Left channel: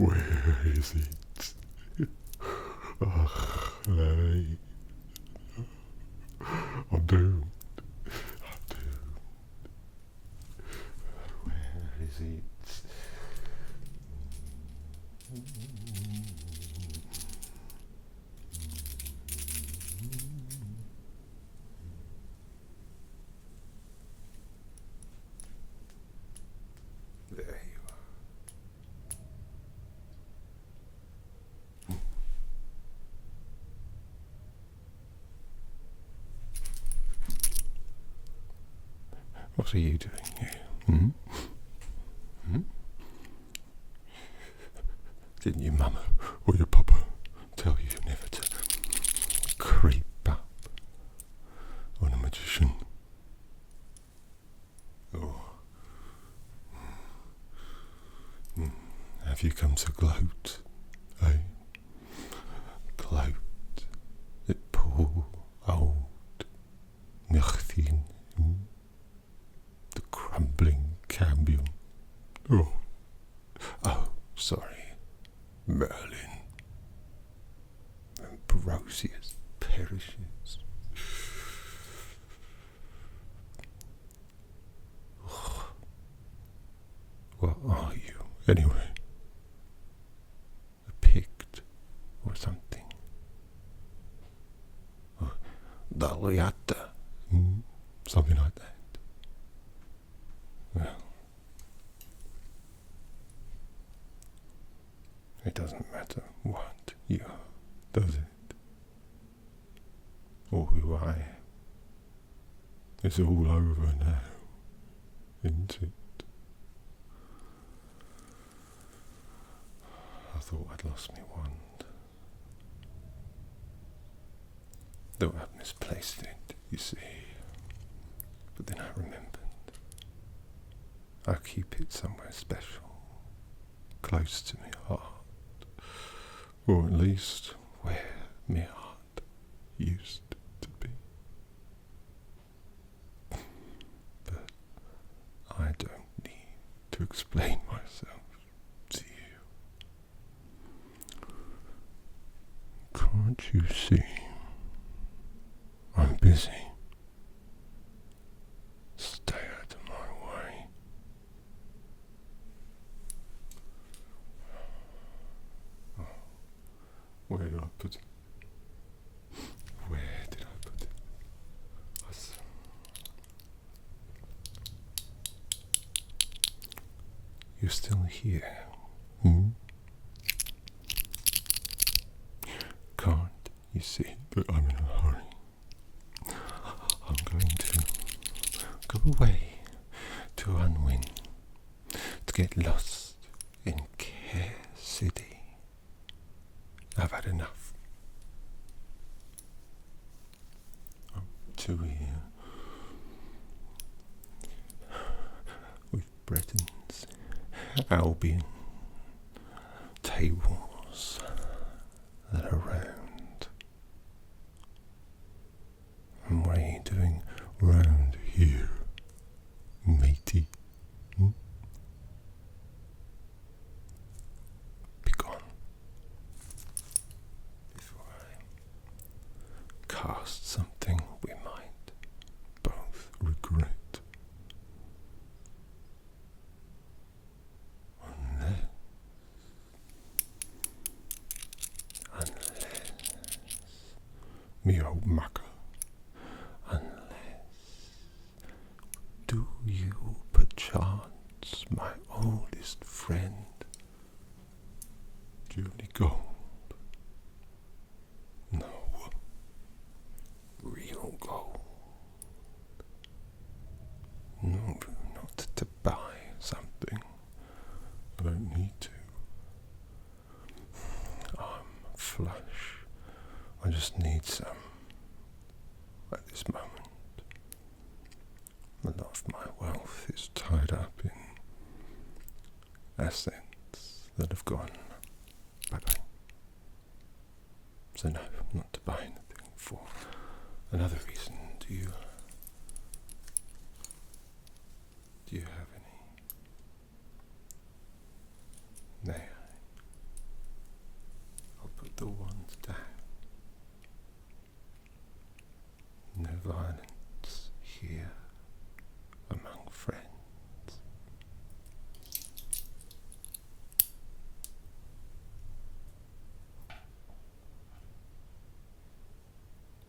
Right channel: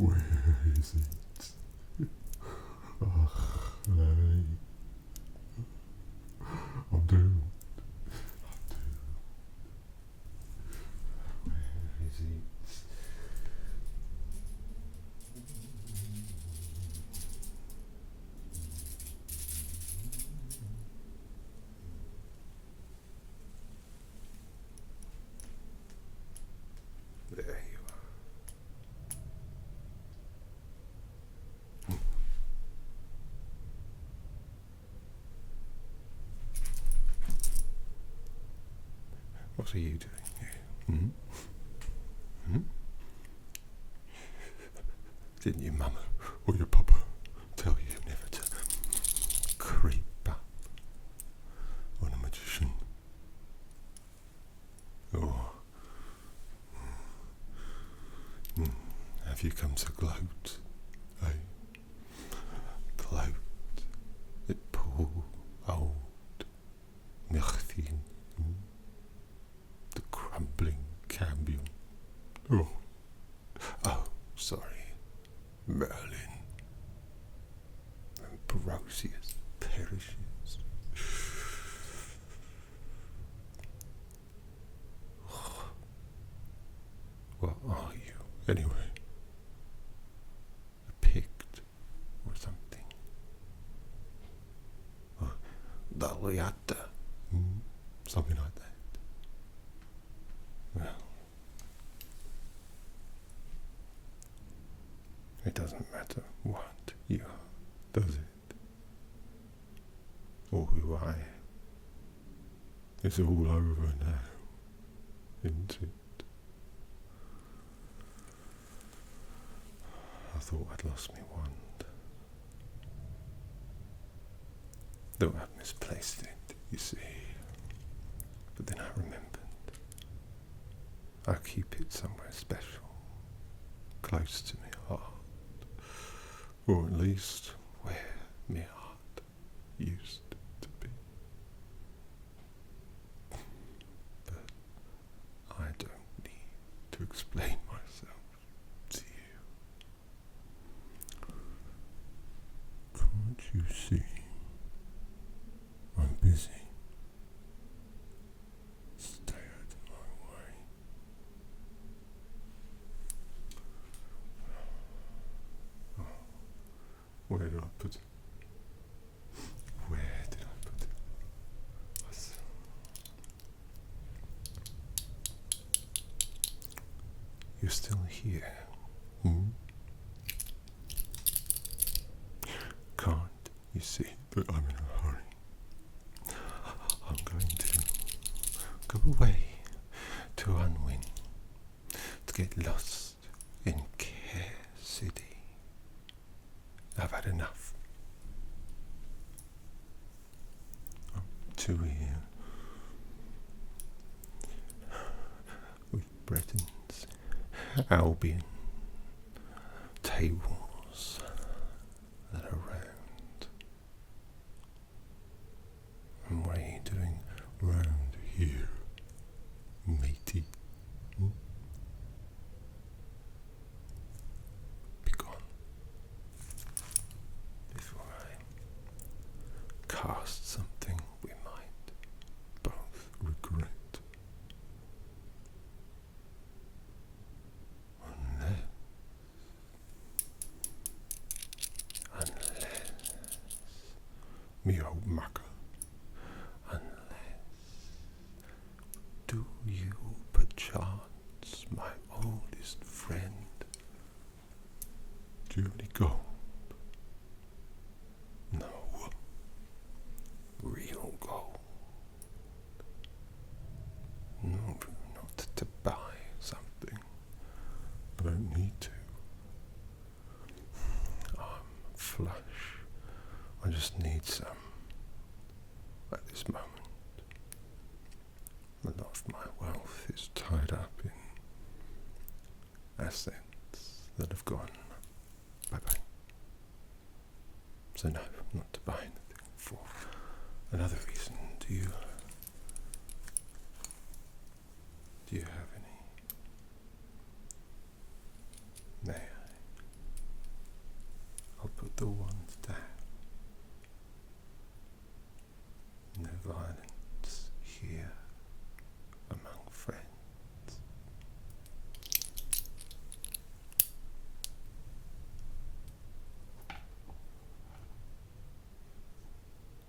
Where is it? Ugh, Larry. I'm doomed. Where is it? There you are. What are you doing here? Didn't your mama or your papa tell you never to creep up on a magician? Or have you come to gloat, eh? Gloat at poor old Merlin, the crumbling cambion. Oh, sorry, Merlin. Ambrosius perishes. What are you, anyway? A Pict or something? Or Daliata? Something like that. Well, it doesn't matter what you are, does it? Or who I am. It's all over now, isn't it? I thought I'd lost my wand. Though I've misplaced it, you see. But then I remembered. I keep it somewhere special, close to my heart. Or at least where my heart used to be. But I don't need to explain myself to you. Can't you see? I'm busy. Stay out of my way. Oh, where did I put it? Where did I put it? You're still here, Can't you see that I'm in a hurry? I'm going to go away to Unwin, to get lost in Care City. I've had enough. I'm too here with Bretons, Albion, tables that are round. And what are you doing round here, matey? Be gone before I cast something we might both regret. Unless me old mucker. Do you, perchance, my oldest friend, do you have any gold? No. Real gold. No, not to buy something. I don't need to. I'm flush. I just need some at this moment. A lot of my wealth is tied up in assets that have gone bye-bye. So no, not to buy anything. For another reason, do you have any? May I? the ones down. No violence here among friends.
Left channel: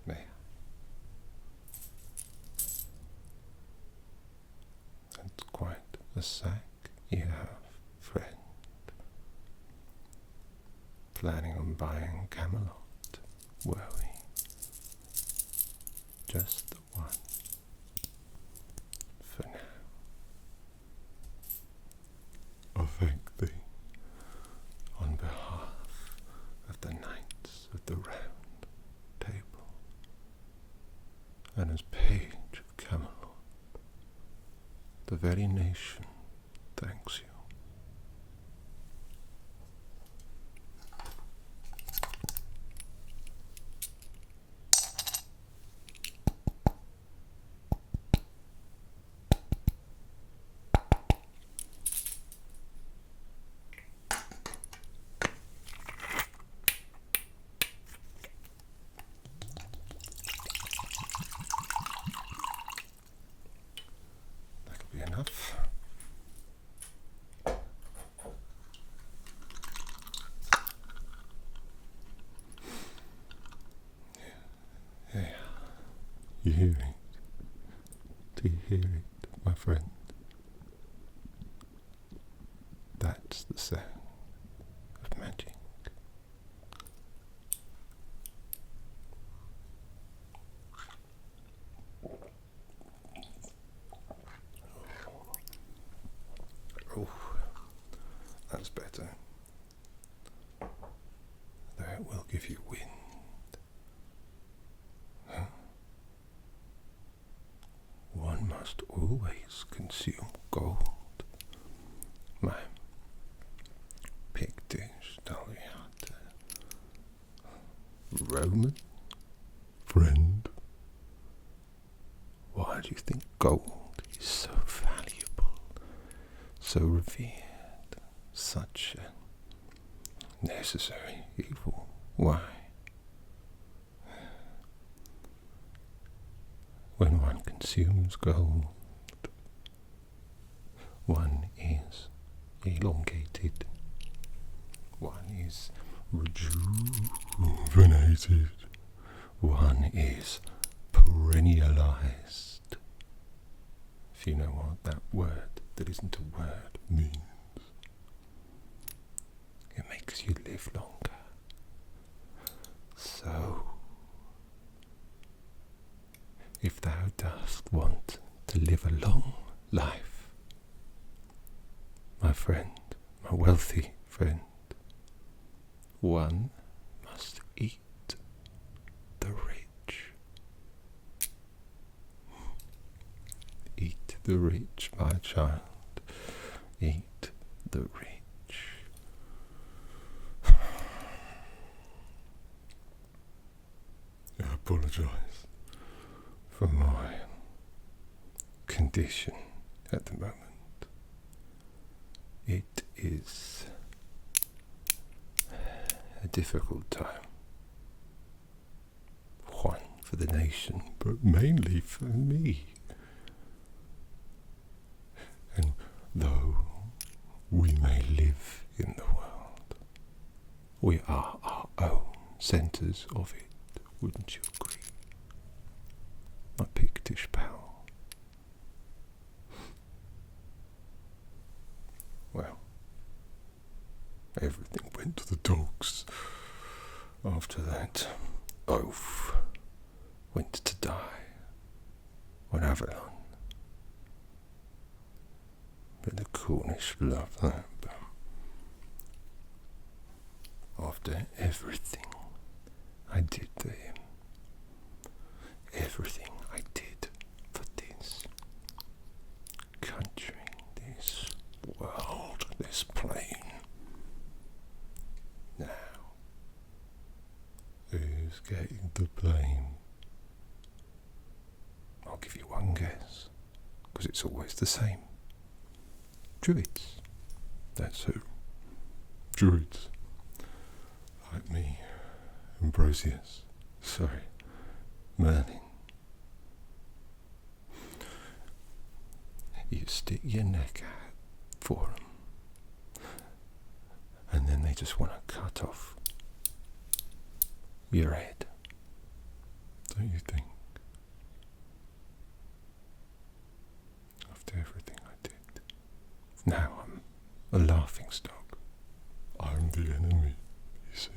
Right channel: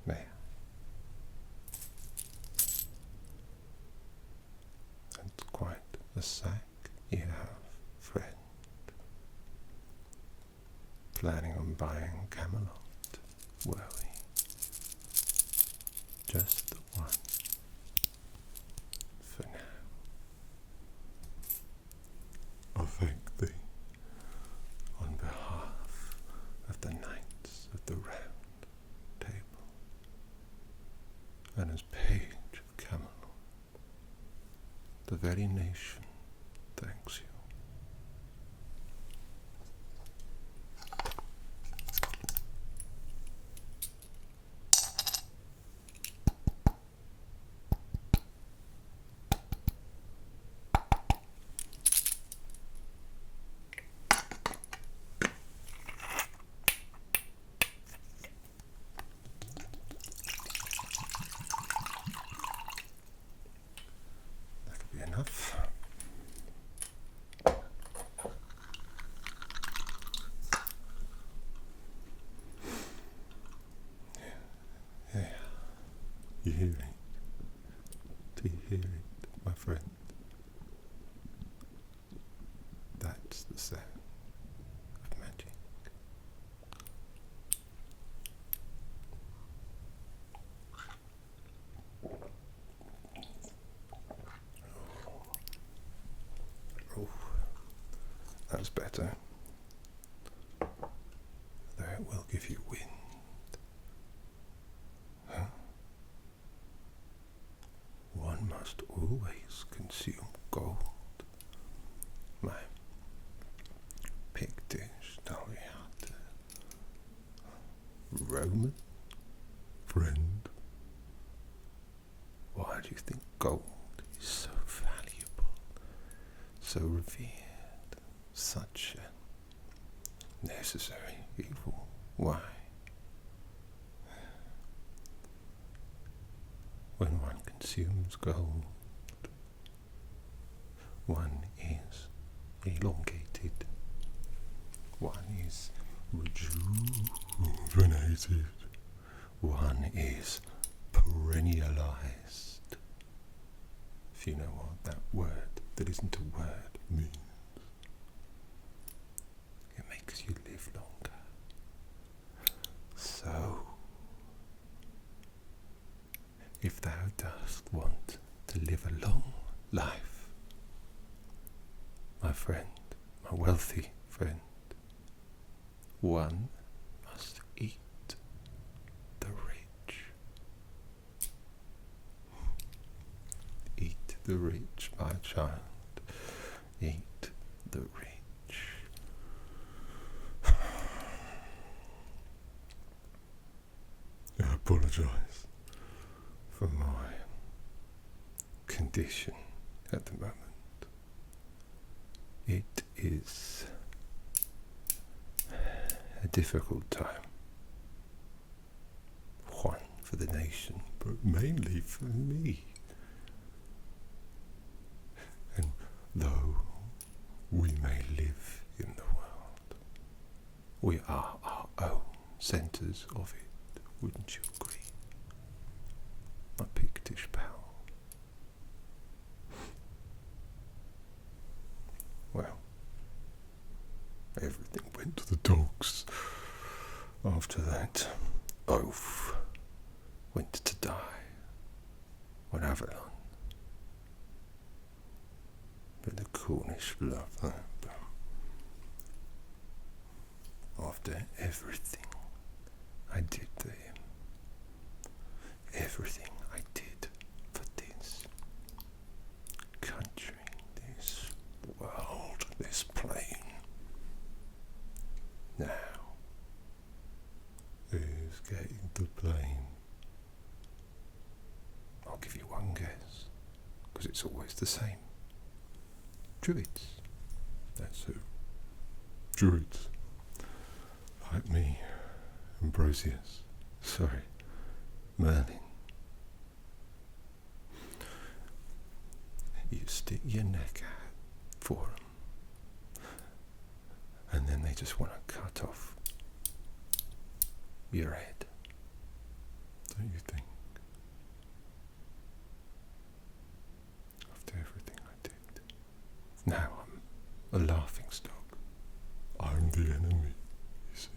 May I? That's quite a sack you have, friend. Planning on buying Camelot, were we? Just the one for now. I thank thee on behalf of the Knights of the Round Table, and as page of Camelot, the very nation thanks you. Enough. Yeah. You hear it? Do you hear it, my friend? That's the sound of magic. Oh, that's better. Though it will give you wind. Huh? One must always consume gold. My Pictish Daliata Roman friend. Why do you think gold is so valuable? So revered, such a necessary evil. Why? When one consumes gold, one is elongated, one is rejuvenated, one is perennialized. If you know what that word that isn't a word means. It makes you live longer. So, if thou dost want to live a long life, my friend, my wealthy friend, one must eat the rich. Eat the rich, my child. Eat the rich. I apologize for my condition at the moment. It is a difficult time. One for the nation, but mainly for me. And though we may live in the world, we are our own centres of it, wouldn't you agree? My Pictish pal. Well, everything went to the dogs after that oaf went to die on Avalon. But the Cornish love that. But after everything I did to him, everything I did for this country, this world, this plane, now, who's getting the blame? I'll give you one guess, because it's always the same. Druids. That's who. Druids. Like me, Merlin. You stick your neck out for them, and then they just want to cut off your head, don't you think? After everything I did, now I'm a laughingstock. I'm the enemy, you see.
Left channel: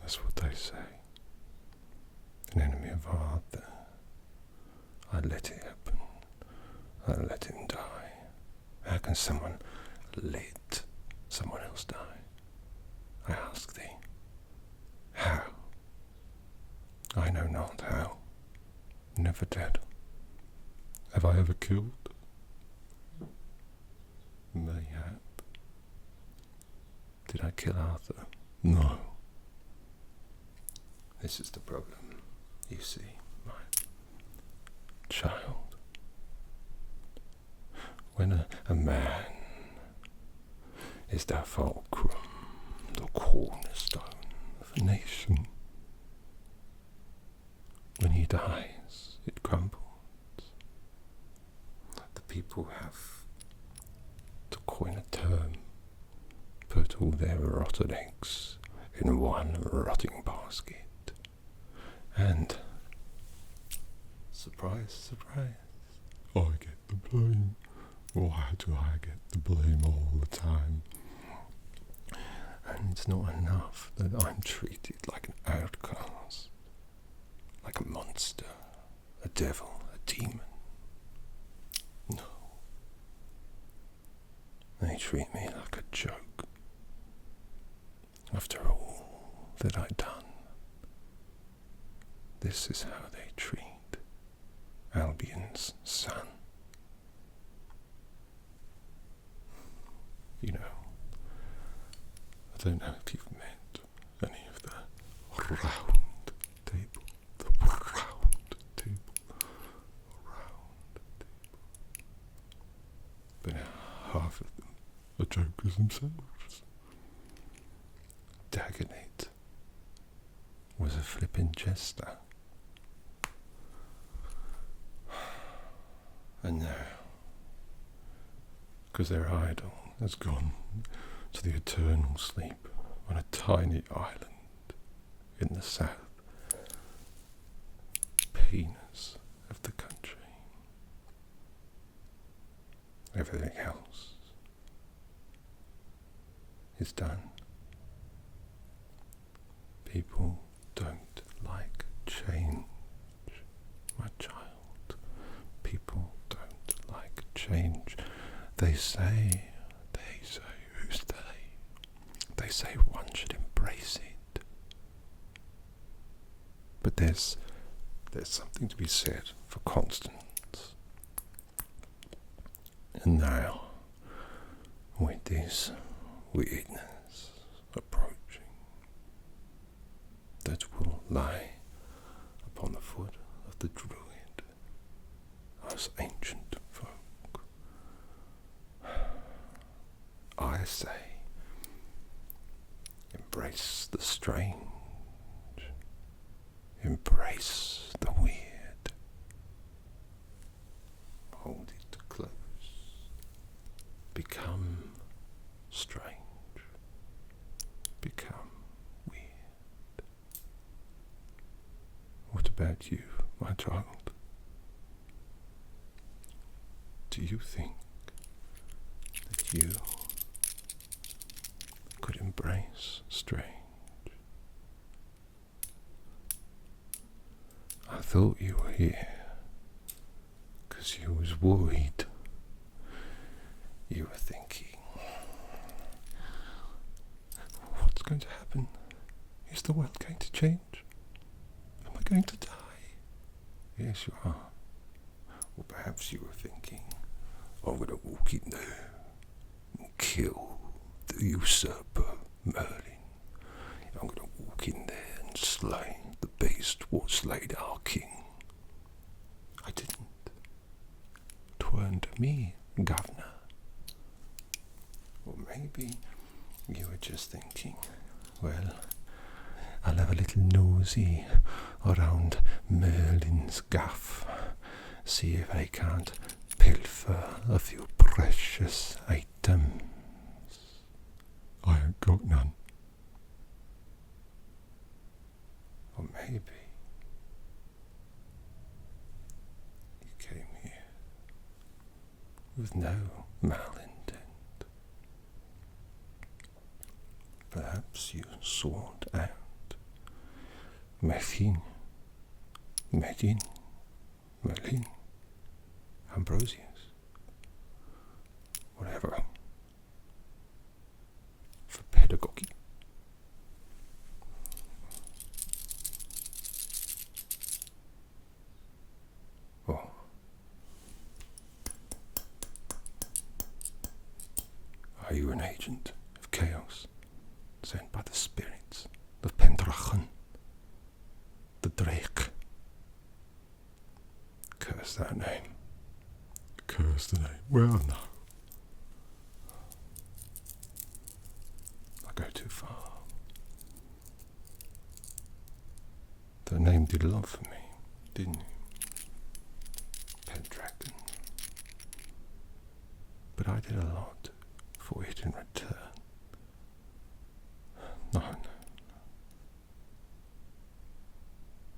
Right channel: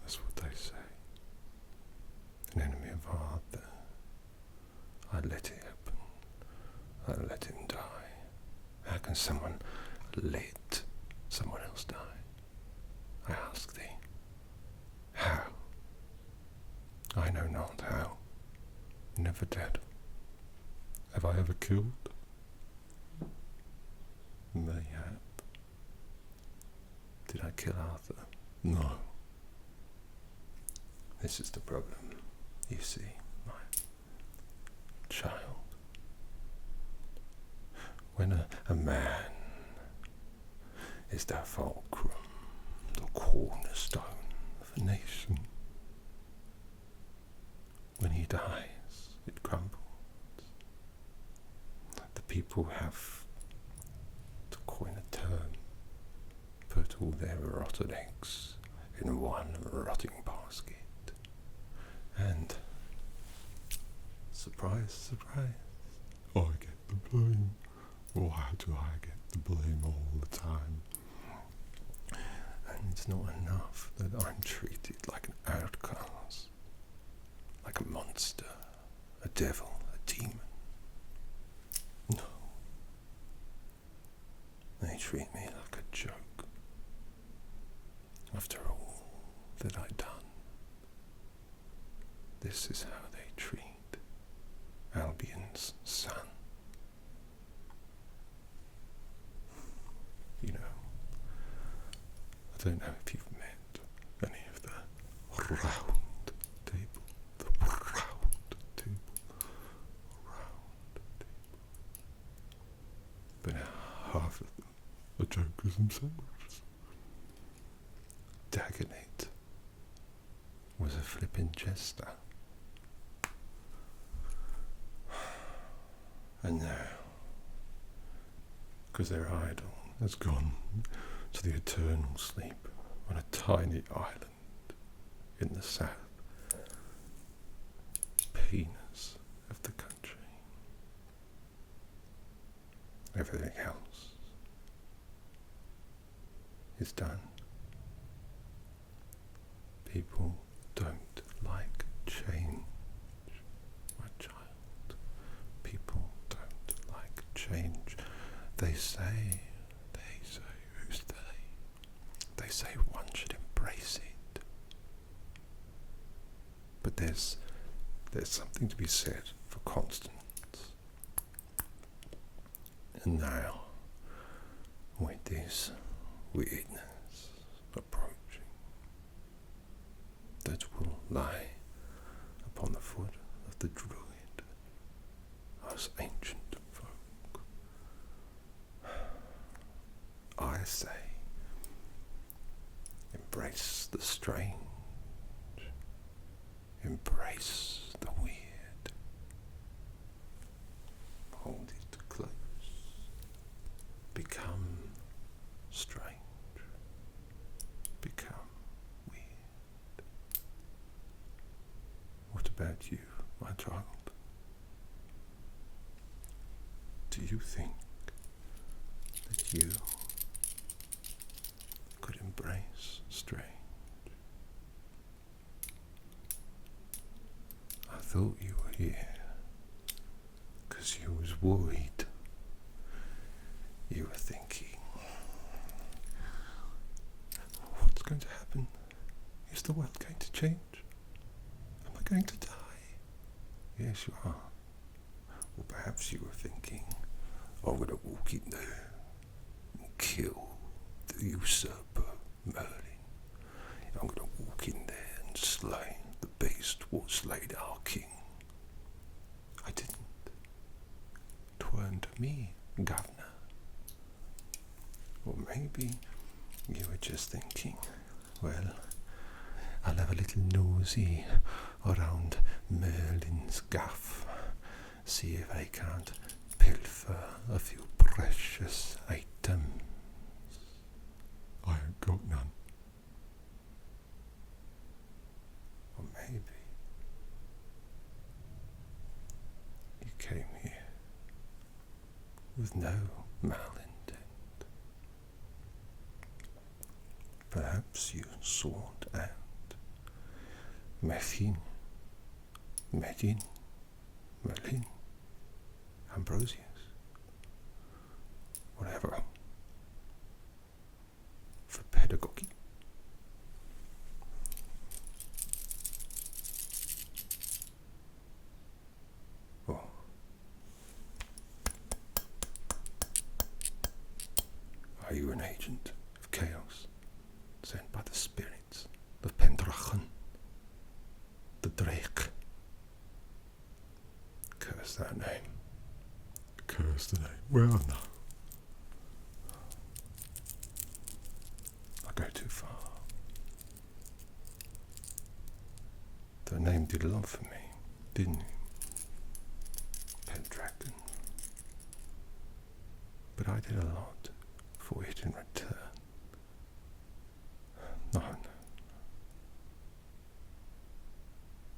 That's what they say. An enemy of art. I let it happen. I let him die. How can someone let someone else die? I ask thee. How? I know not how. Never did. Have I ever killed? Mayhap. Did I kill Arthur? No. This is the problem, you see, my child. When a man is the fulcrum, the cornerstone of a nation, when he dies, it crumbles. The people have to coin a term, put all their rotted eggs in one rotting basket, and surprise, surprise, I get the blame. Why do I get the blame all the time? And it's not enough that I'm treated like an outcast, like a monster, a devil, a demon. No. They treat me like a joke. After all that I'd done, this is how they treat Albion's son. You know, I don't know if you've met any of the round table, but half of them are jokers themselves. Dagonet was a flippin' jester. And now, because their idol has gone to the eternal sleep on a tiny island in the south penis of the country, everything else is done. People don't like change, my child. People don't like change. They say, who's they? They say one should embrace it. But there's something to be said for constance. And now, with this weirdness approaching, that will lie upon the foot of the Druid, us ancient folk, I say, embrace the strange, embrace the weird, hold it close, become strange, become weird. What about you, my child? Do you think that you could embrace strange? I thought you were here because you was worried. You were thinking, what's going to happen? Is the world going to change? Am I going to die? Yes, you are. Or perhaps you were thinking, I'm going to walk in there and kill the usurper Merlin. I'm going to walk in there and slay the beast what slayed our king. I didn't. 'Tweren't me, governor. Or maybe you were just thinking, well, I'll have a little nosy around Merlin's gaff, see if I can't pilfer a few precious items. I ain't got none. Or maybe you came here with no malintent. Perhaps you sought out Merlin, Ambrosius, whatever, for pedagogy. Oh. Are you an agent of chaos, sent by the spirits of Pendrachen, the Drake? Curse that name. Curse the name. Well, no. I go too far. The name did a lot for me, didn't you? Pendragon. But I did a lot for it in return. No.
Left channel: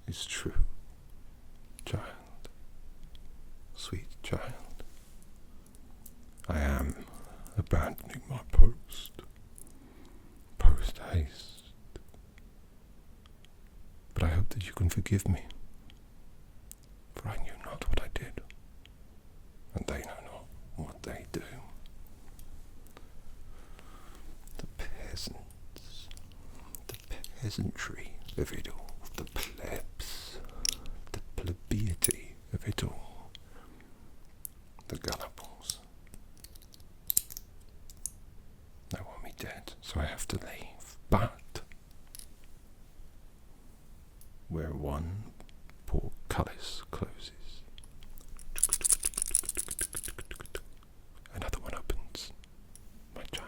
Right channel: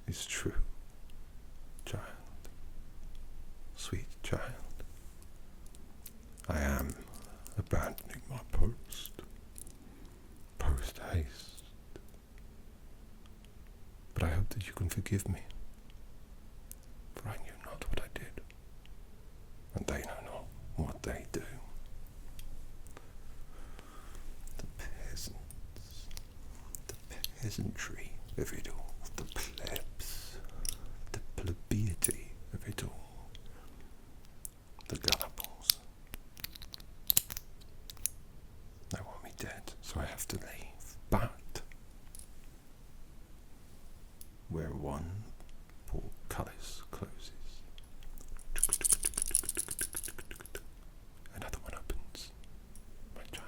It's true, child. Sweet child. I am abandoning my post. Post haste. But I hope that you can forgive me, for I knew not what I did, and they know not what they do. The peasants, the peasantry of it all, the plebs, the plebeiety of it all, the gullibles. They want me dead, so I have to leave. But where one portcullis closes, another one opens, my child.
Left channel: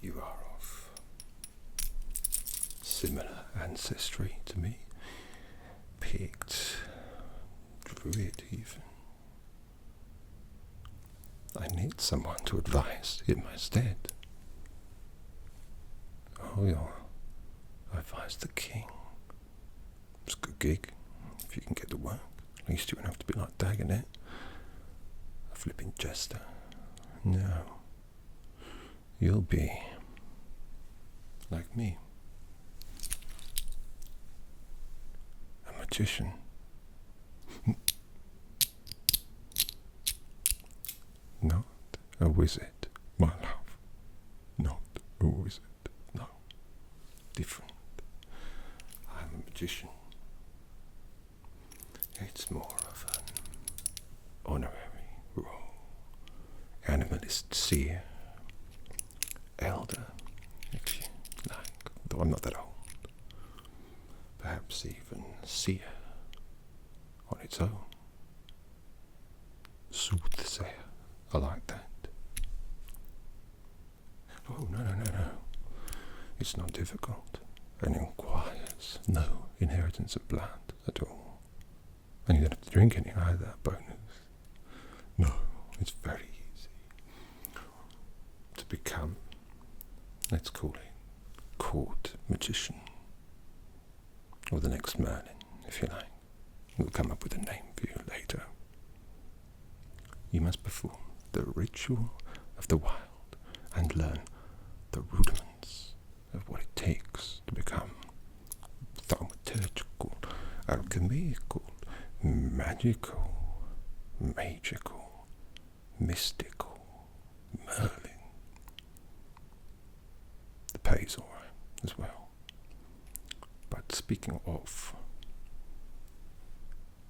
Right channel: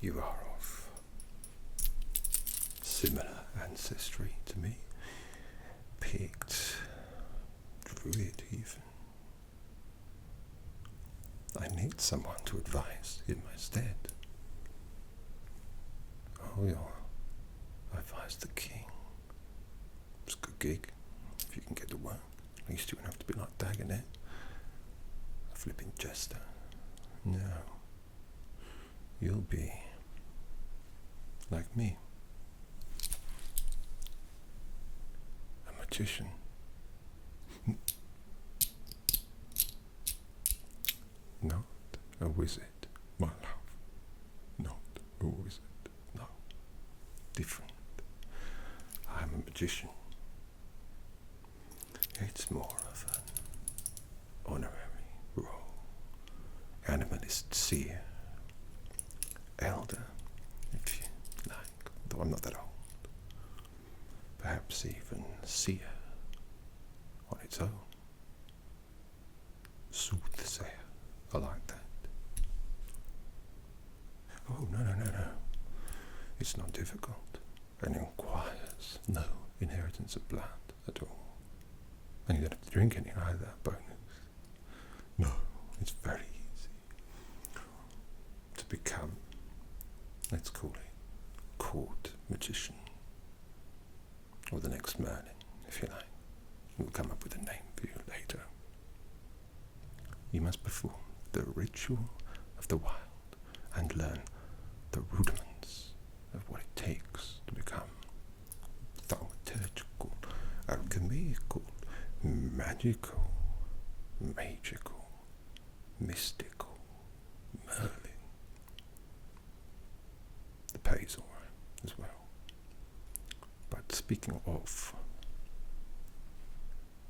You are of similar ancestry to me, picked druid even. I need someone to advise in my stead. Oh yeah, I advise the king. It's a good gig, if you can get the work. At least you won't have to be like Dagonet, a flipping jester. No, you'll be like me, a magician. Not a wizard, my love. Not a wizard, no. Different. I'm a magician. It's more of an honorary role. Animalist seer. Elder, if you like, though I'm not that old. Perhaps even seer on its own. Soothsayer. I like that. Oh, no. It's not difficult, and requires no inheritance of blood at all. And you don't have to drink any either, bonus. No, it's very easy to become, let's call it, court magician. Or the next Merlin, if you like. We'll come up with a name for you later. You must perform the ritual of the wild and learn the rudiments of what it takes to become thaumaturgical, alchemical, magical, mystical Merlin. The pay's alright as well. But speaking of,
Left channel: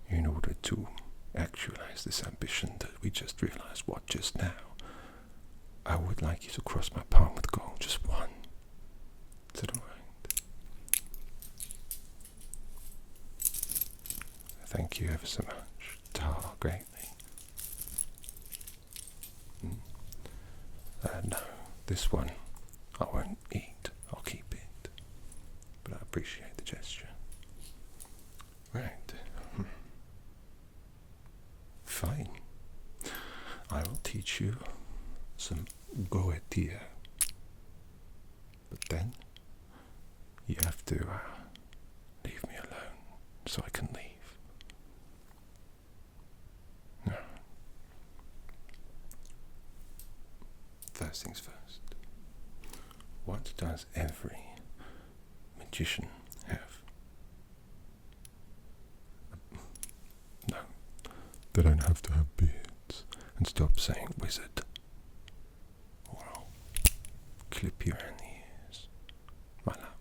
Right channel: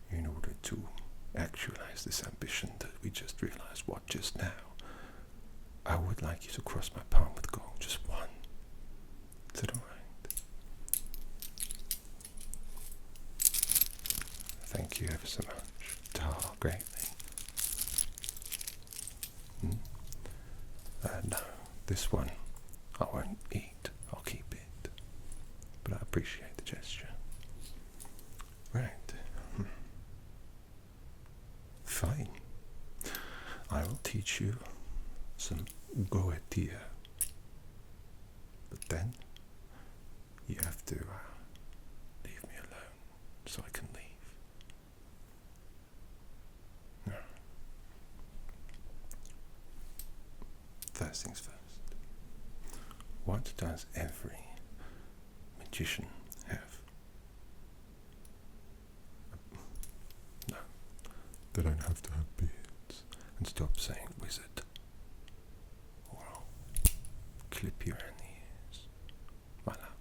in order to actualize this ambition that we just realized just now, I would like you to cross my palm with gold, just one. Is that alright? Thank you ever so much. Tar greatly. No, this one I won't eat. I'll keep it. But I appreciate the gesture. Right. Fine. I will teach you some Goetia. But then you have to leave me alone so I can leave. No. First things first. What does every magician have? No. They don't have to have beards. And stop saying wizard, or I'll clip you around the ears. My love.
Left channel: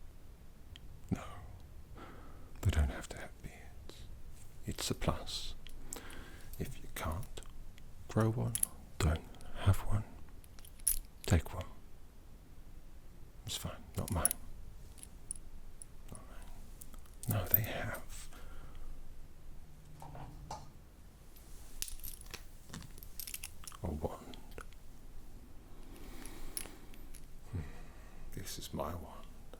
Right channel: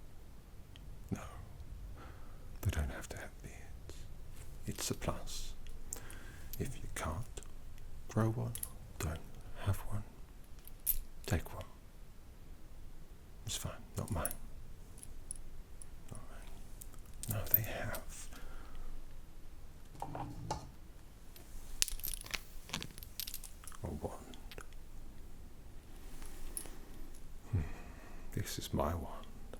No. They don't have to have beards. It's a plus. If you can't grow one, don't have one, take one. It's fine, not mine. Not mine. No, they have. A wand. This is my wand.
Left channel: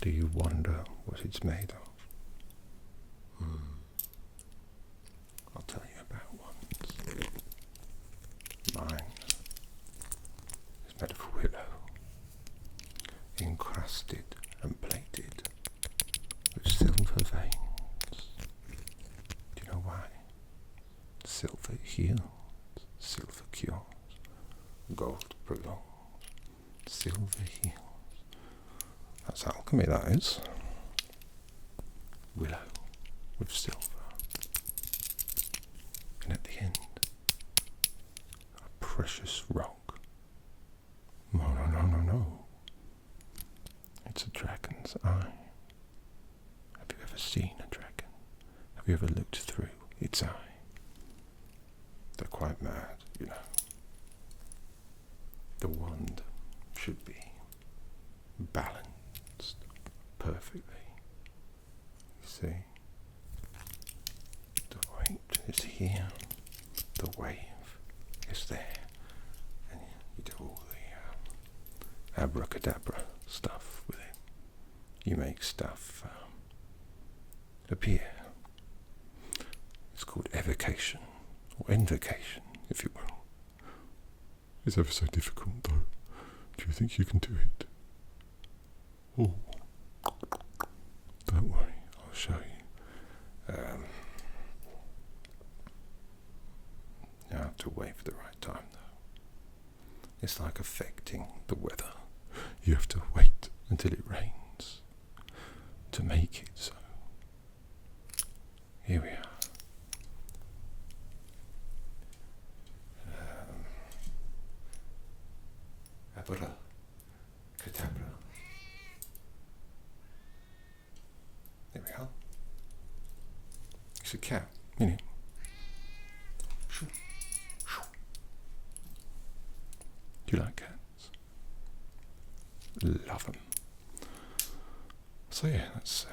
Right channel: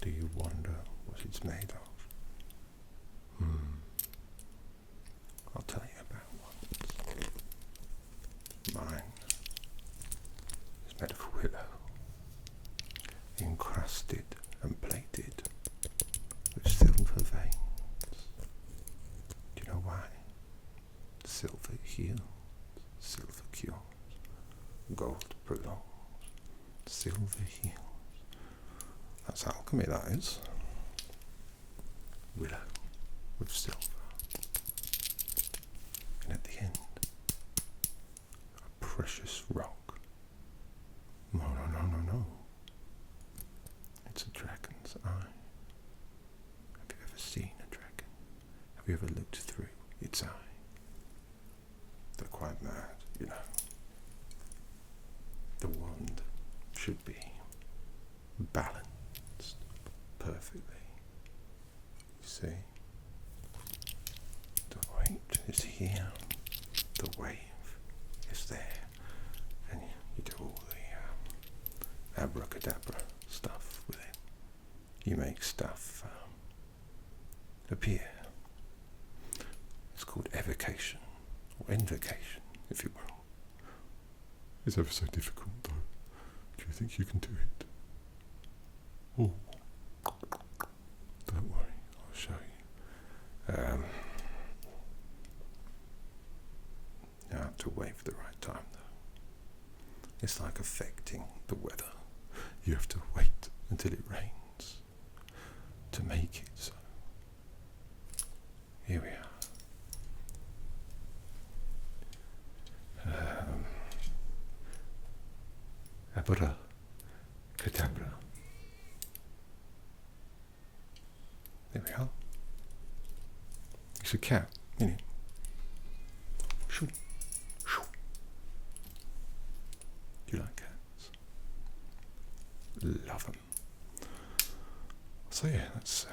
Do you wonder what it's made of? I'll tell you about wands. Mine is made of willow, encrusted and plated with silver veins. Do you know why? Silver heals, silver cures, gold prolongs, silver heals. That's alchemy, that is. Willow with silver. And at the end, a precious rock. No. It's a dragon's eye. Have you ever seen a dragon? Have you ever looked through its eye? They're quite mad, you know. The wand should be balanced perfectly. You see? The weight is here, the wave is there, and you do all the abracadabra stuff with it. You make stuff appear. It's called evocation. Or invocation, if you will. It's ever so difficult, though. Do you think you can do it? Oh. Don't worry, I'll show you. You have to wait for the right time, though. It's like affecting the weather. You have to wait until it rains to make it so. Here we are. Abracadabra. There we are. It's a cat, isn't it? Shoo. Shoo. Do you like cats? Love them. So yeah, that's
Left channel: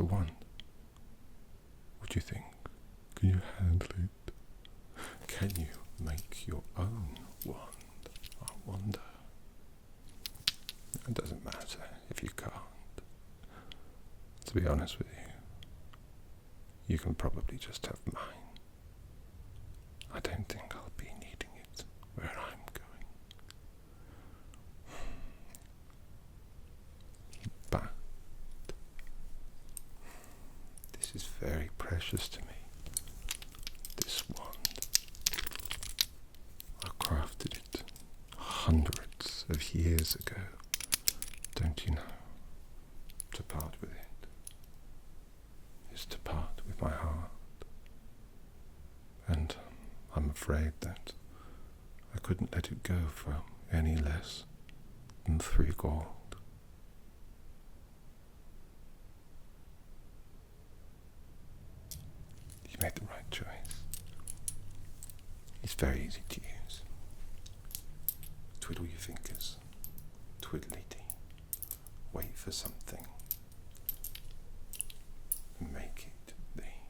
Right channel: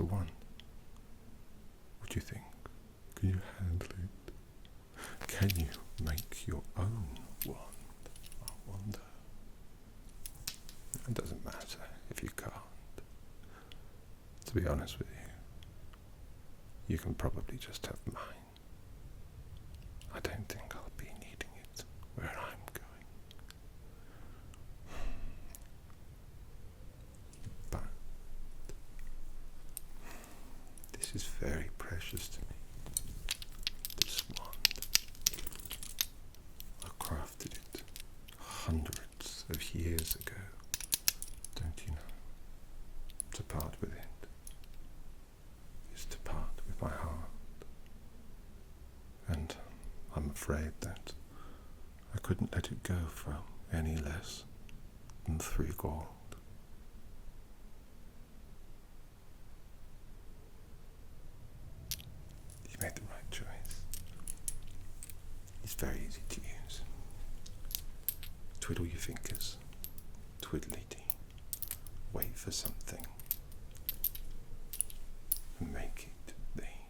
a wand. What do you think? Can you handle it? Can you make your own wand? I wonder. It doesn't matter if you can't. To be honest with you, you can probably just have mine. I don't think I'll be needing it where I'm going. But this is very precious to me. This wand. I crafted it hundreds of years ago. Don't you know? To part with it is to part with my heart. And I'm afraid that I couldn't let it go for any less than 3 gold. You made the right choice. It's very easy to use. Twiddle your fingers. Twiddly-dee. Wait for something. And make it thee.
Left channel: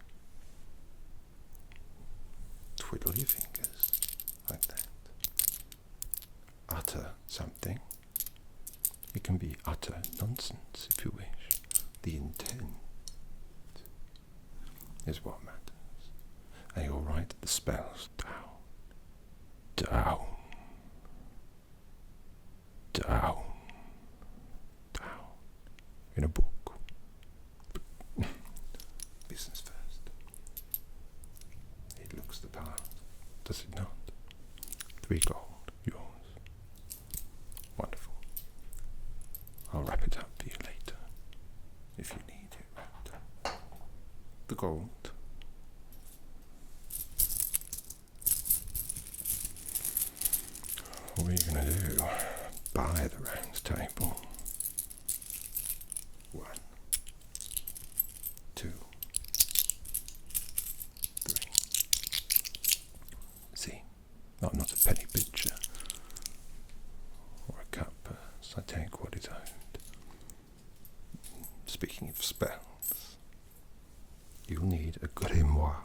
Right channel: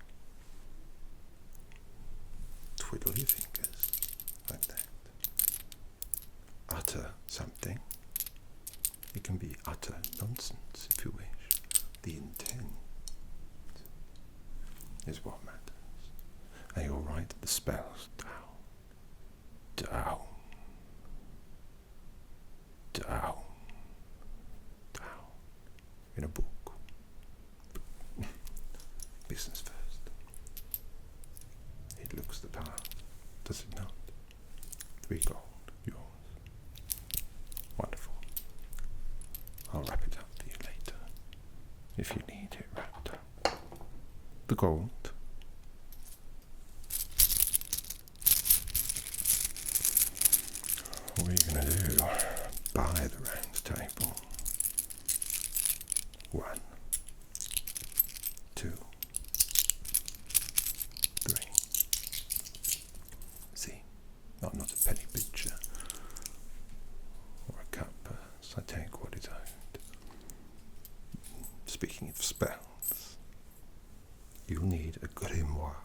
Twiddle your fingers. like that. Utter something. It can be utter nonsense if you wish. The intent is what matters. And you'll write the spells down. Down. Down. Down. In a book. Business first. It looks the part, does it not? 3 gold, yours. Wonderful. I'll wrap it up for you later, if you need it wrapped up. The gold. What are you going to do? Buy the round table. 1, 2, 3. See, I'm not a penny pincher or a cutpurse. I take what is owed. Speaking of spells, you'll need a grimoire.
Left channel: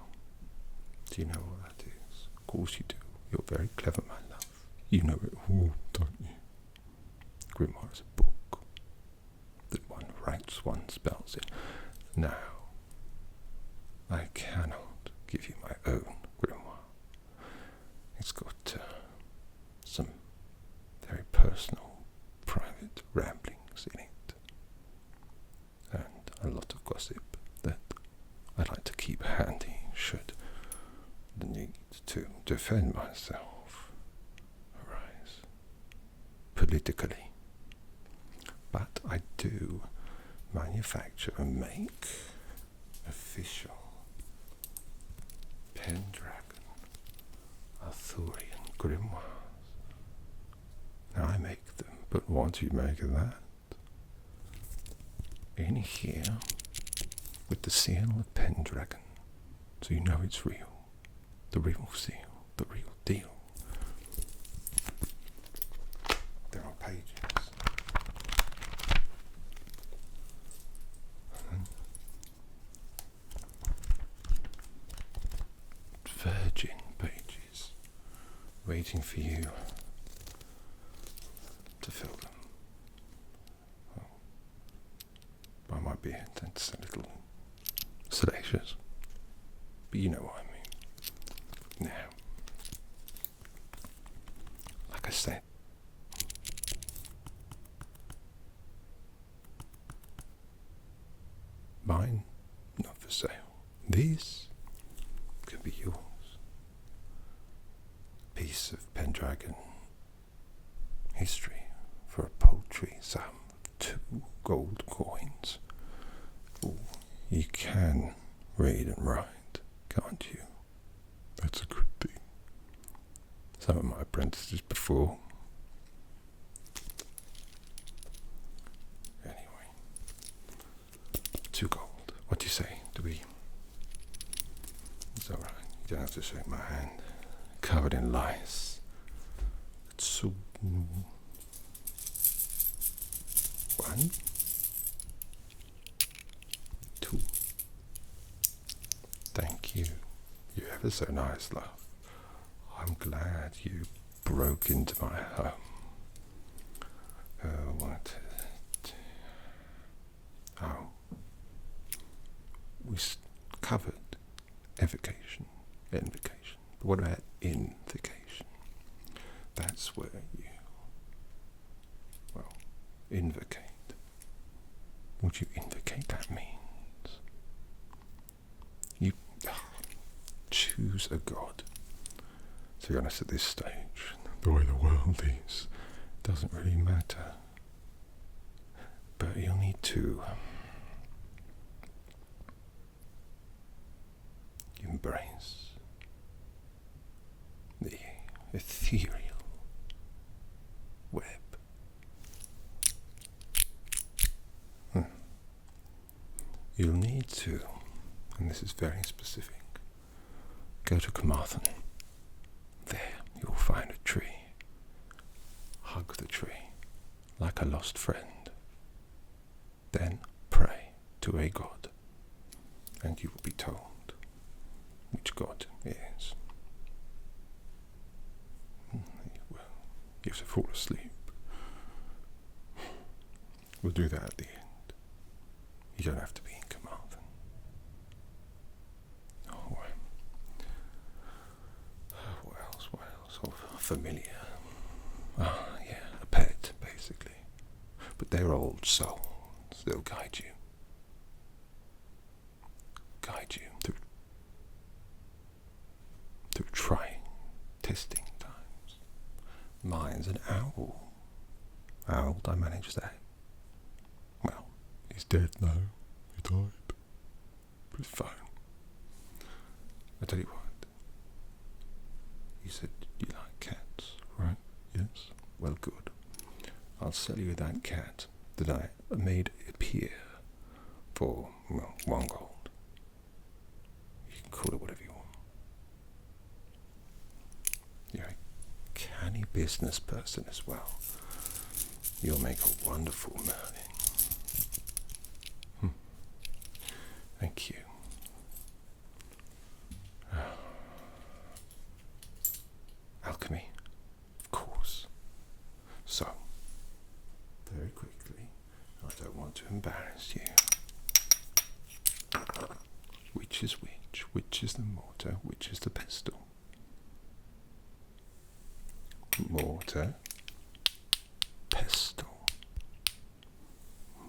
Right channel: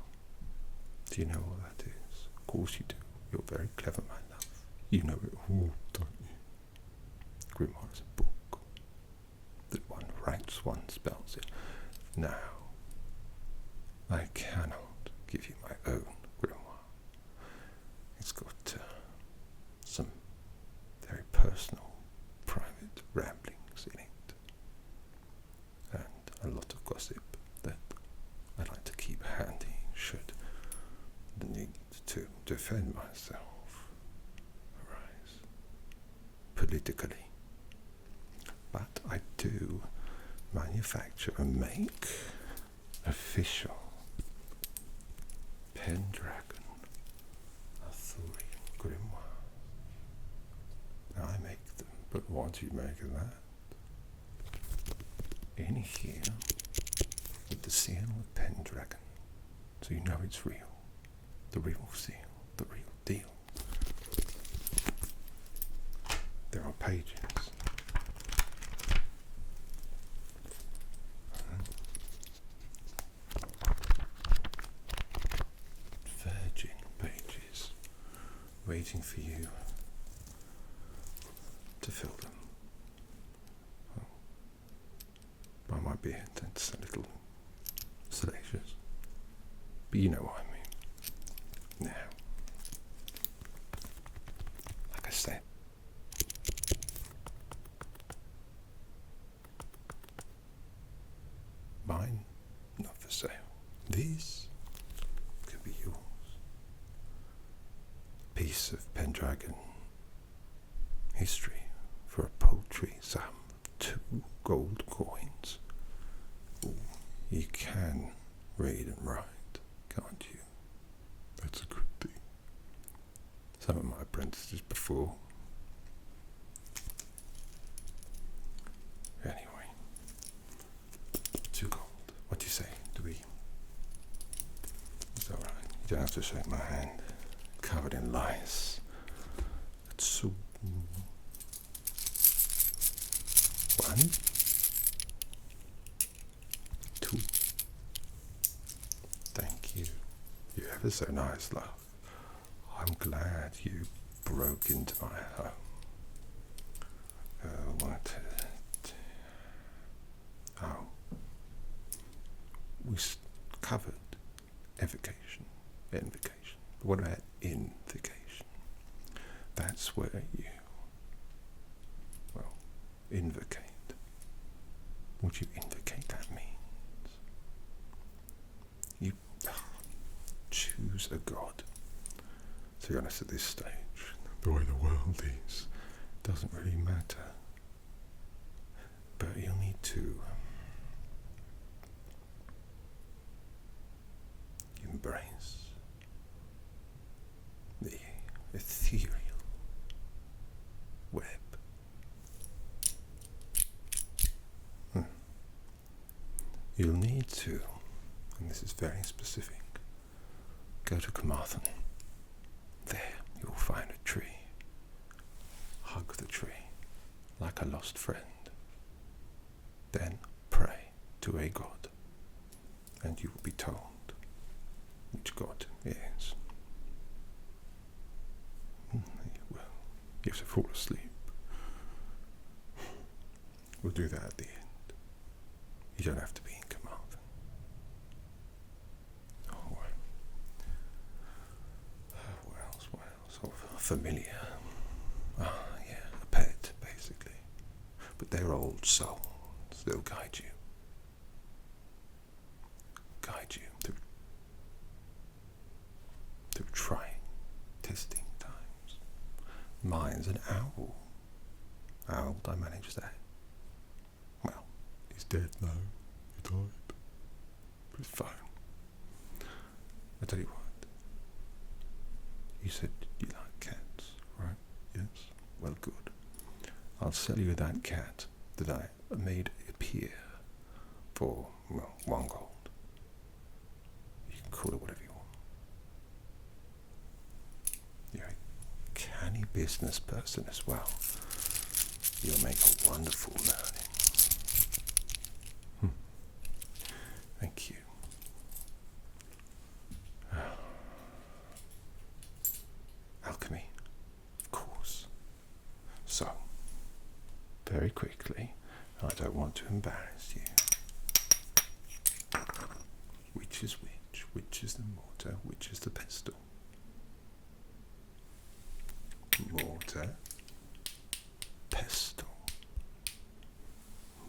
Do you know what that is? Of course you do. You're very clever, my love. You know it all, don't you? Grimoire is a book that one writes one's spells in. Now, I cannot give you my own grimoire. It's got some very personal, private ramblings in it, and a lot of gossip that I'd like to keep handy should the need to defend myself arise politically. But I do manufacture and make official Pendragon Arthurian grimoires. Now I make them, but what do you make of that? In here, with the seal of Pendragon, so you know it's real. The real seal, the real deal. There are pages. Virgin pages, waiting for you to fill them. By my beard, that's a little salacious, but you know what I mean. Now, like I said, mine, not for sale. This could be yours. Piece of Pendragon history for a paltry sum, 2 gold coins. Ooh, you can read and write, can't you? That's a good thing. Some of my apprentices before. Anyway, 2 gold. What do you say? Do we? It's all right. You don't have to shake my hand. Covered in lice. It's so. 1, 2. Thank you. You're ever so nice, love. I'm glad you broke into my home. We covered evocation, invocation. But what about invocation? That's where you, invocate. What you invocate, that means you choose a god. To be honest, at this stage, the way the world is, doesn't really matter. But you'll need to embrace the ethereal web. You'll need to, and this is very specific, go to Camelot. There you'll find a tree. Hug the tree like a lost friend. Then pray to a god, and you will be told which god is. You have to fall asleep. We'll do that at the end. You don't have to be in Carmarthen. Oh, what else? Oh, familiar. Yeah, a pet, basically. But they're old souls. They'll guide you. Through trying, testing times. Mine's an owl. How did I manage that? Well, he's dead now. He died. But it's fine. I tell you what. You said you like cats, right? Yes? Well, good. I'll sell you that cat that I made appear for, well, 1 gold. You can call it whatever you want. You're a canny business person as well. You'll make a wonderful Merlin. Thank you. Alchemy, of course. So, very quickly, I don't want to embarrass you. Which is which? Which is the mortar? Which is the pestle? Mortar, pestle,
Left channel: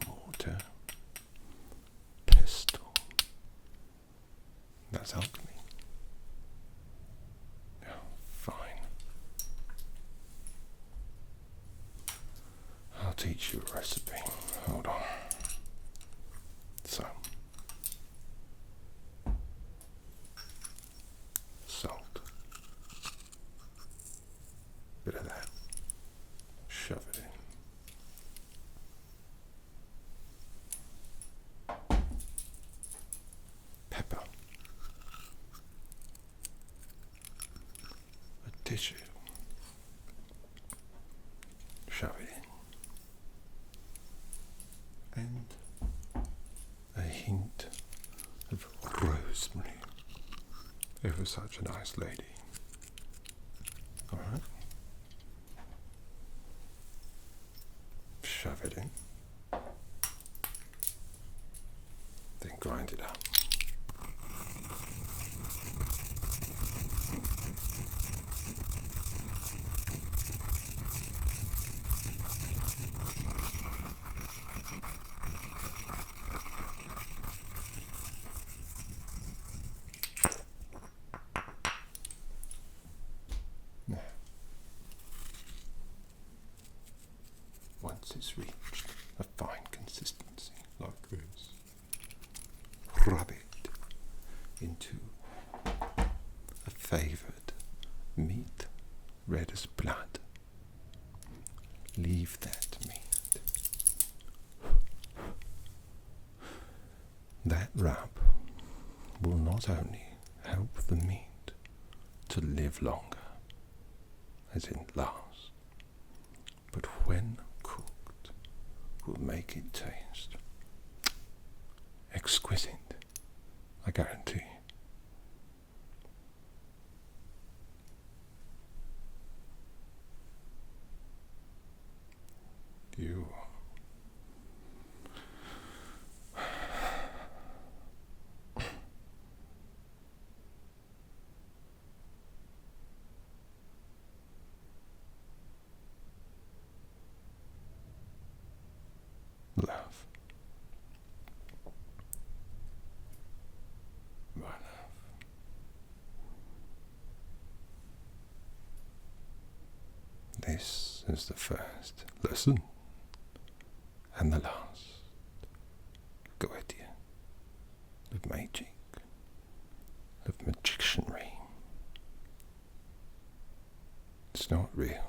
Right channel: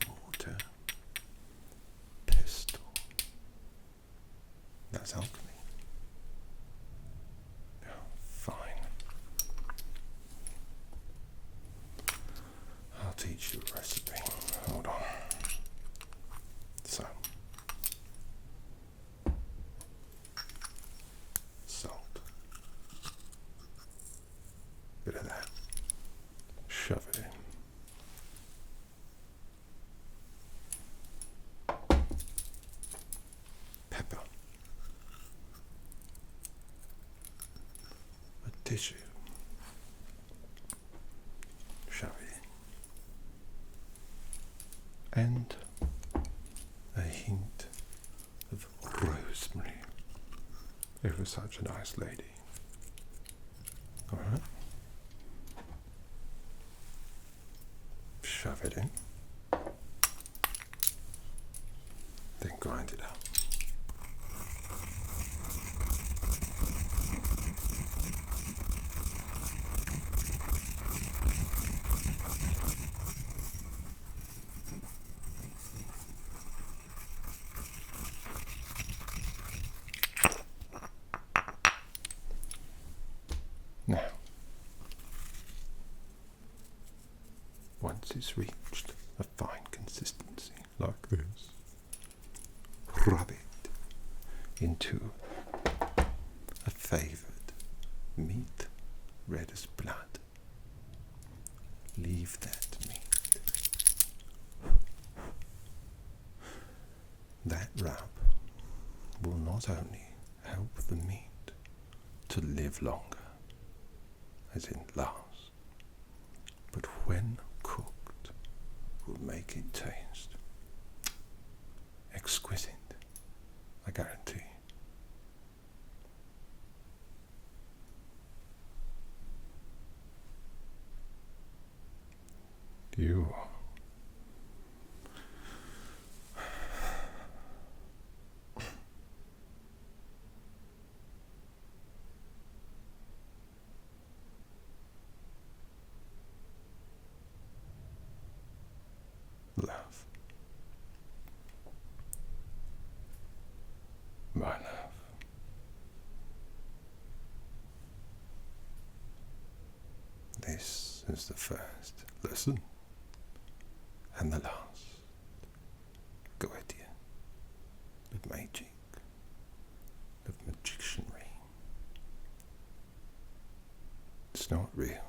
mortar, pestle. That's alchemy. Oh, fine. I'll teach you a recipe. Hold on. So, salt. Bit of that. Shove it in. Pepper. A tissue. Shove it in. And a hint of rosemary. Ever such a nice lady. Alright. Shove it in. Then grind it up. Now, once it's reached a fine consistency like this, rub it into a favoured meat red as blood. Leave that meat. That rub will not only help the meat to live longer, as in last, but when cooked will make it taste exquisite, I guarantee. You love. My love. This is the first lesson and the last. Goetia of magic, of magicianry. It's not real.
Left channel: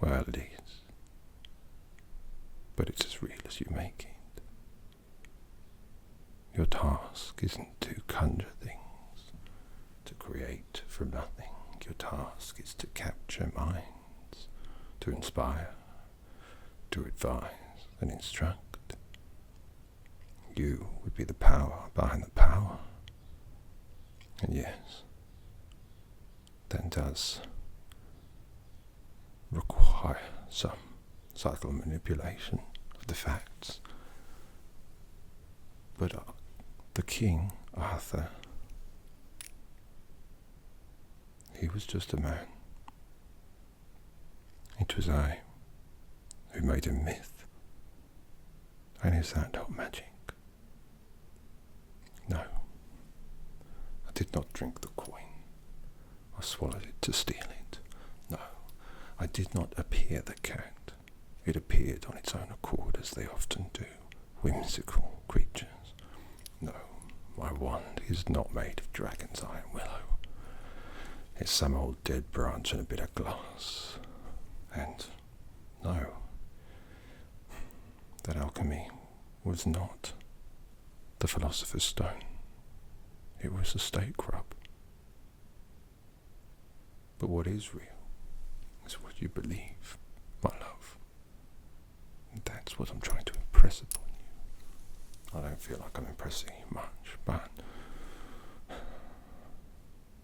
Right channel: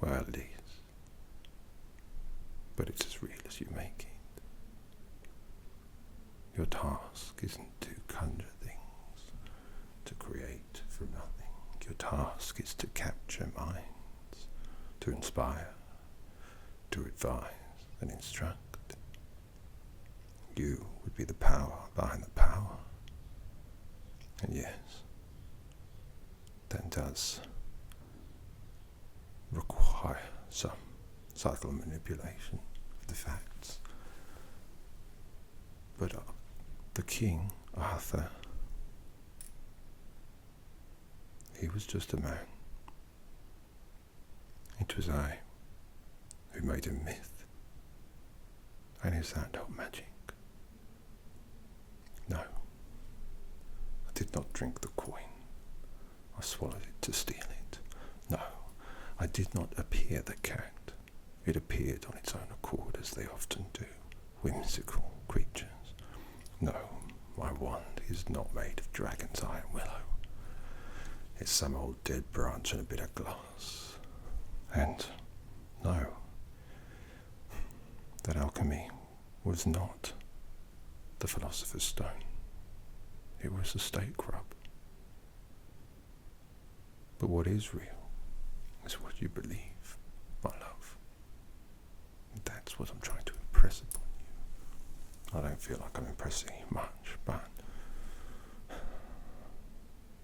Well, it is. But it's as real as you make it. Your task isn't to conjure things, to create from nothing. Your task is to capture minds, to inspire, to advise and instruct. You would be the power behind the power. And yes, then does by some subtle manipulation of the facts. But the King, Arthur, he was just a man. It was I who made him myth. And is that not magic? No, I did not drink the coin. I swallowed it to steal it. No, I did not appear the cat. It appeared on its own accord, as they often do, whimsical creatures. No, my wand is not made of dragon's eye and willow. It's some old dead branch and a bit of glass. And no, that alchemy was not the philosopher's stone. It was a stake rub. But what is real is what you believe, my love. And that's what I'm trying to impress upon you. I don't feel like I'm impressing you much, but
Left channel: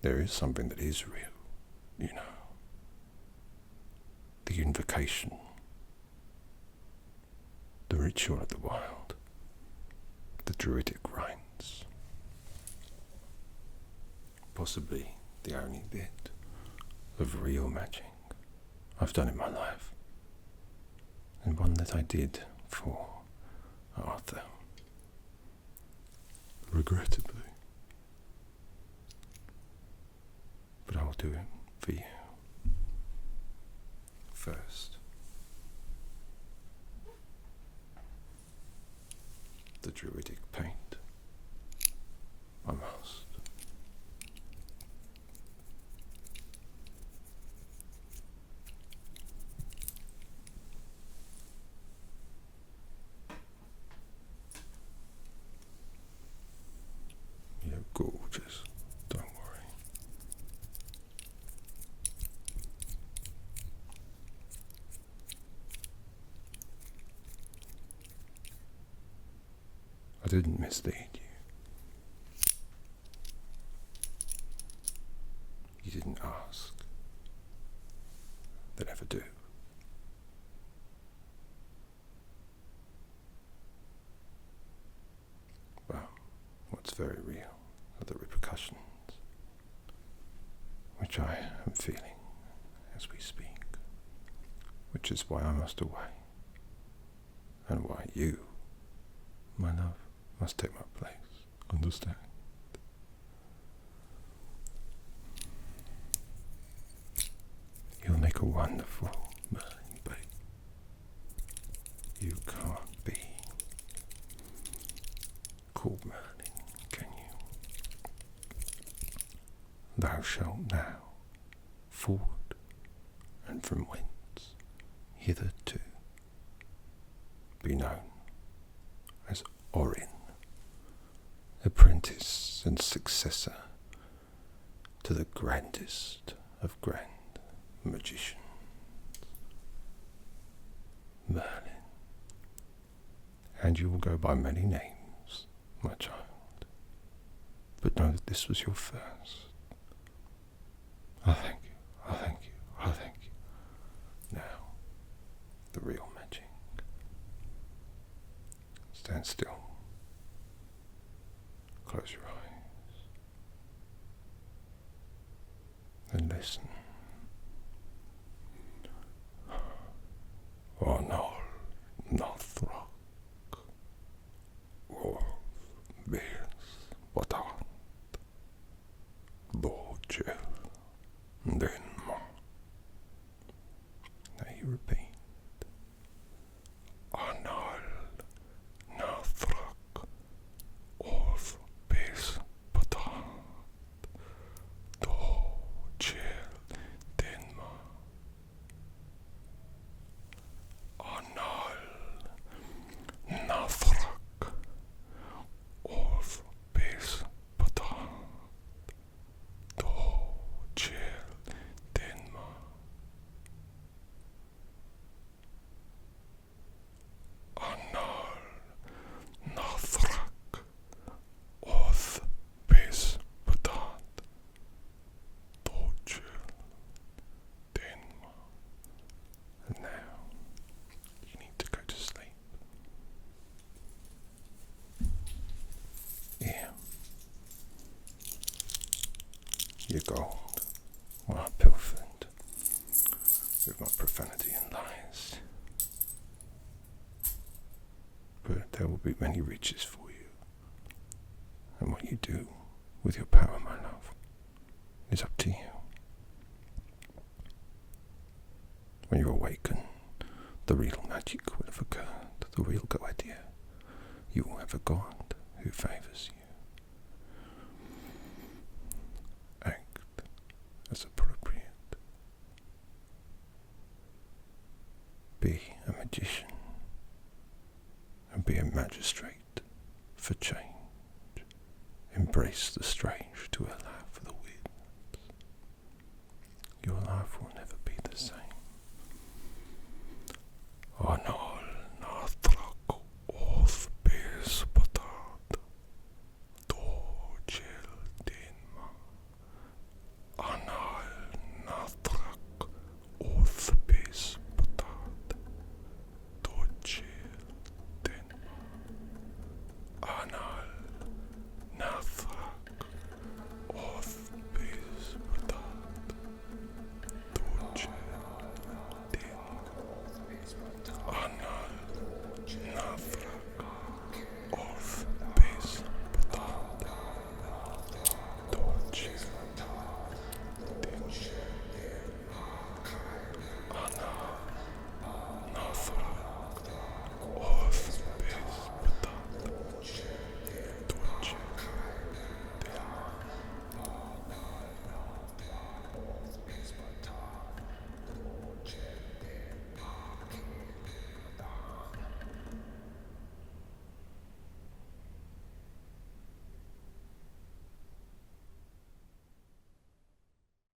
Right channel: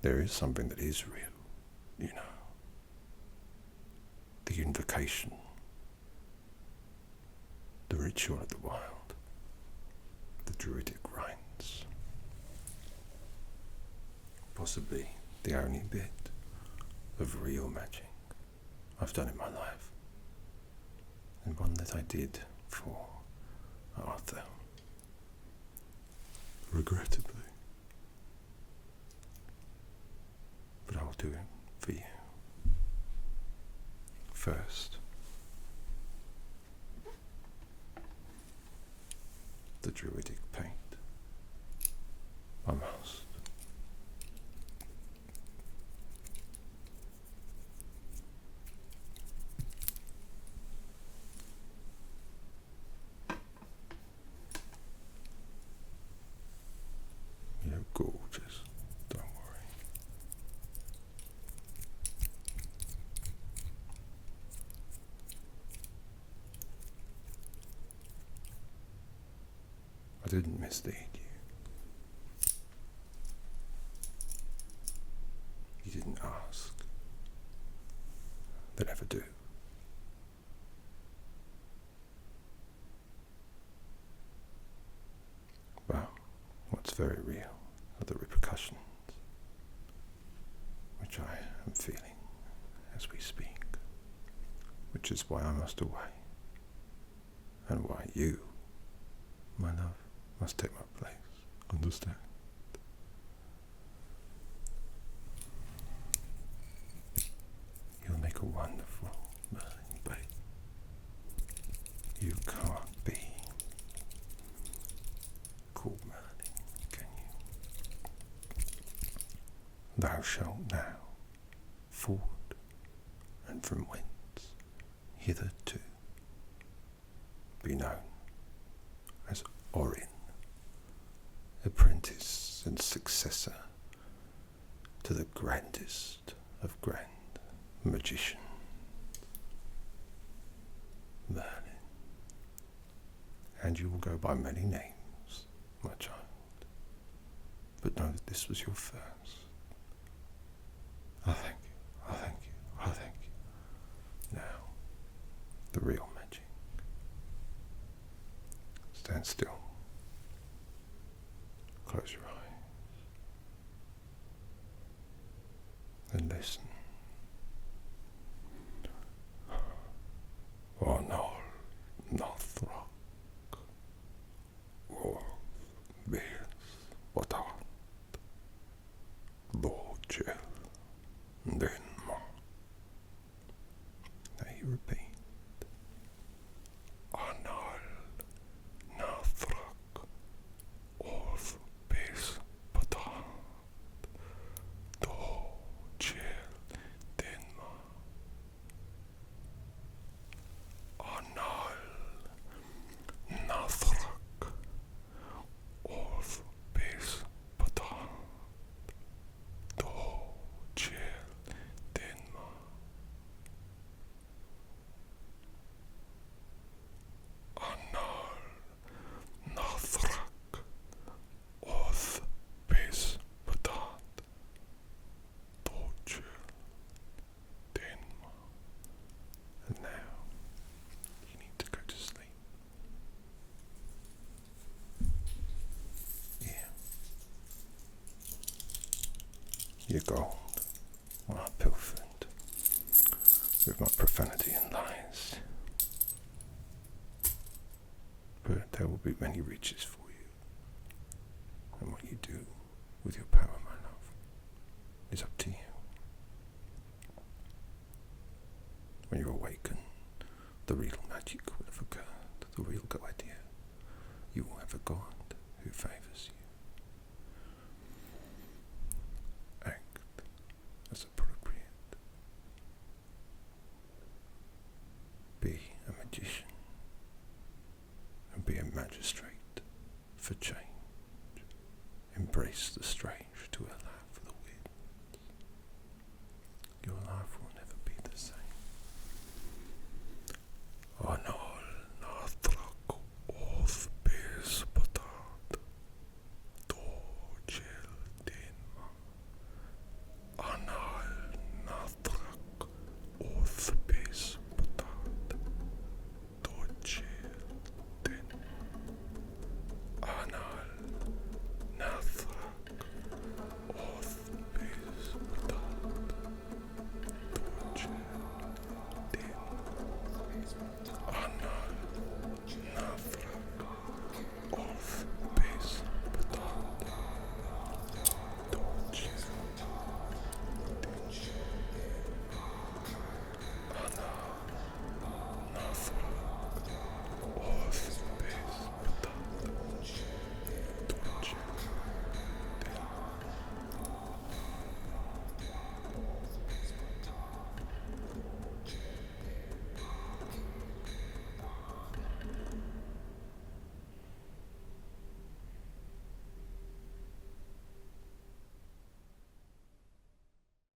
there is something that is real, you know. The invocation, the ritual of the wild, the druidic rites. Possibly the only bit of real magic I've done in my life, and one that I did for Arthur. Regrettably. But I'll do it for you. First, the druidic paint. I must. You're gorgeous, don't worry. I didn't mislead you. You didn't ask. They never do. Well, what's very real are the repercussions, which I am feeling as we speak, which is why I must away, and why you, my love, must take my place. Understand? You'll make a wonderful Merlin babe. You can't be called Merlin, can you? Thou shalt now forward and from whence hitherto be known as Orin, apprentice and successor to the grandest of grand magicians, Merlin. And you will go by many names, my child, but know that this was your first. I thank you, I thank you, I thank you. Now, the real magic. Stand still. Close your eyes. And listen. Arnal, Northrock, Wolf, Bears, Botan, Borgel, Denmark. Now you repeat. Arnal, Northrock, Wolf, Bears, Botan, Borgel, Denmark. your gold, while I pilfered with my profanity and lies. But there will be many riches for you, and what you do with your power, my love, is up to you. When you awaken, the real magic will have occurred, the real Goetia. You will have a god who favours you. Act as appropriate. Be a magician, and be a magistrate for change. Embrace the strange to allow for the weird. Your life will never be the same. Oh no,